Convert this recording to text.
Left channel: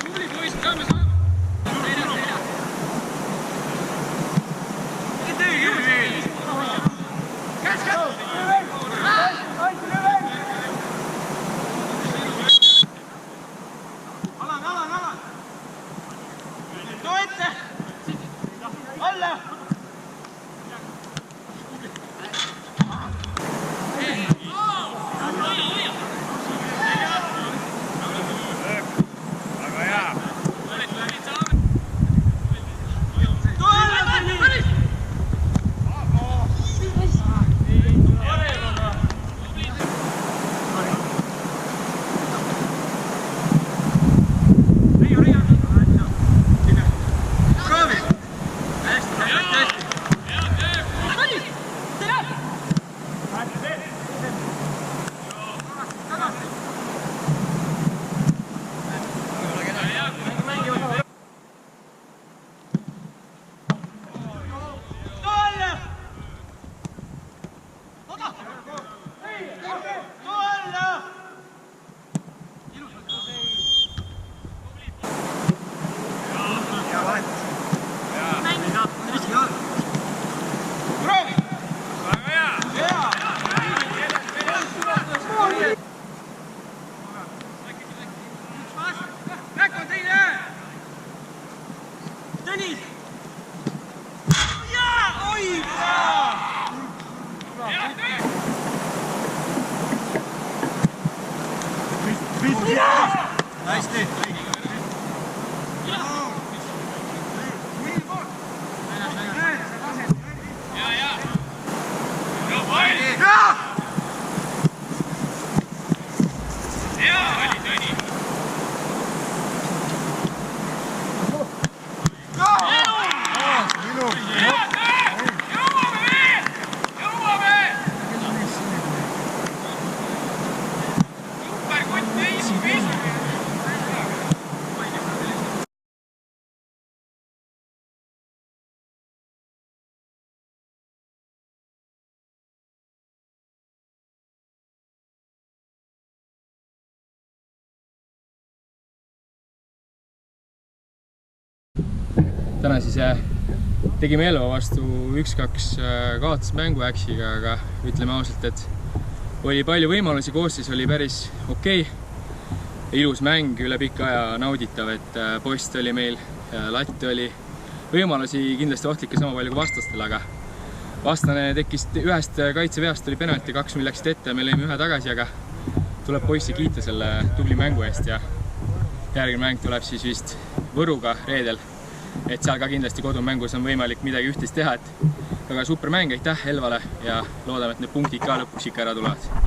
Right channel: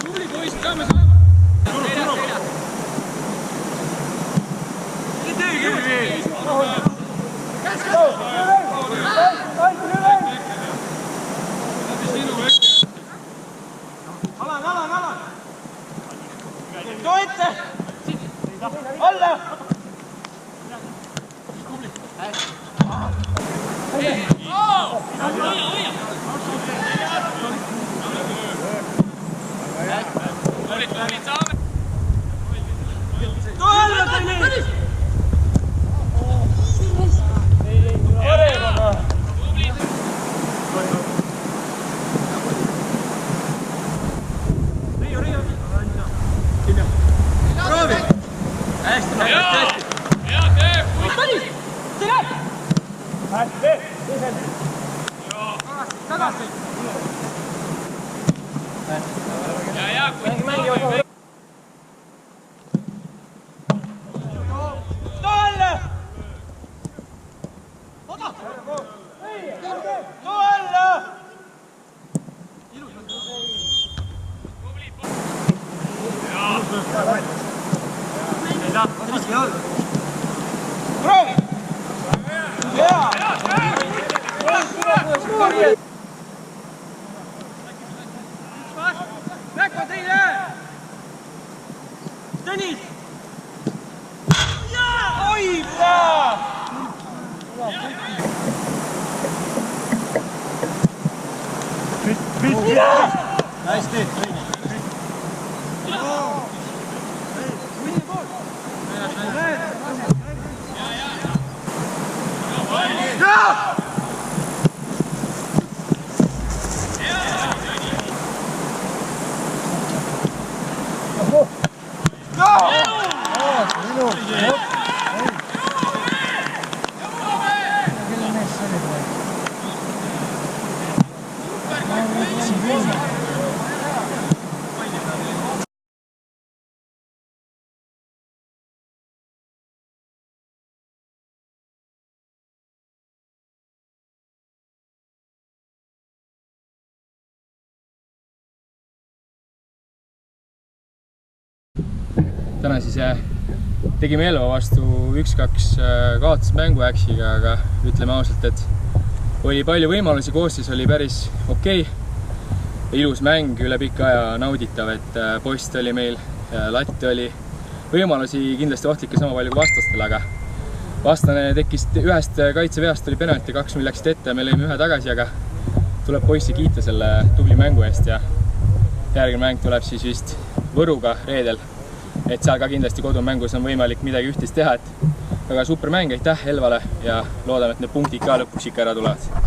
Tubli poisid, saame saama. Alan! Too ette! Alla! Tõnis! Oi! Hästi! Täna siis tegime Elva vastu 1-2 kaotusmängu Äksiga, aga ütleme ausalt, et oli palju võimalusi, koosseis oli päris okei. Ilus mäng, üle pika aja nauditav, et post oli meil, latt oli. Võimalusi kindlasti ohtlikke sama palju kui vastastel, aga vastane tekkis ühest kaitseveast, oli penalti, 2 meil läksid ette ja me lõime ühe tagasi, aga tuleb poissi kiita selle tubli mängu eest ja järgmine mäng tuleb siis vist Võruga reedel. Et seal ka kindlasti kodumängus on võimalik midagi ühtist teha, et väga super mäng, aitäh Elvale ja loodame, et need punktid ka lõpuks ikka ära tulevad.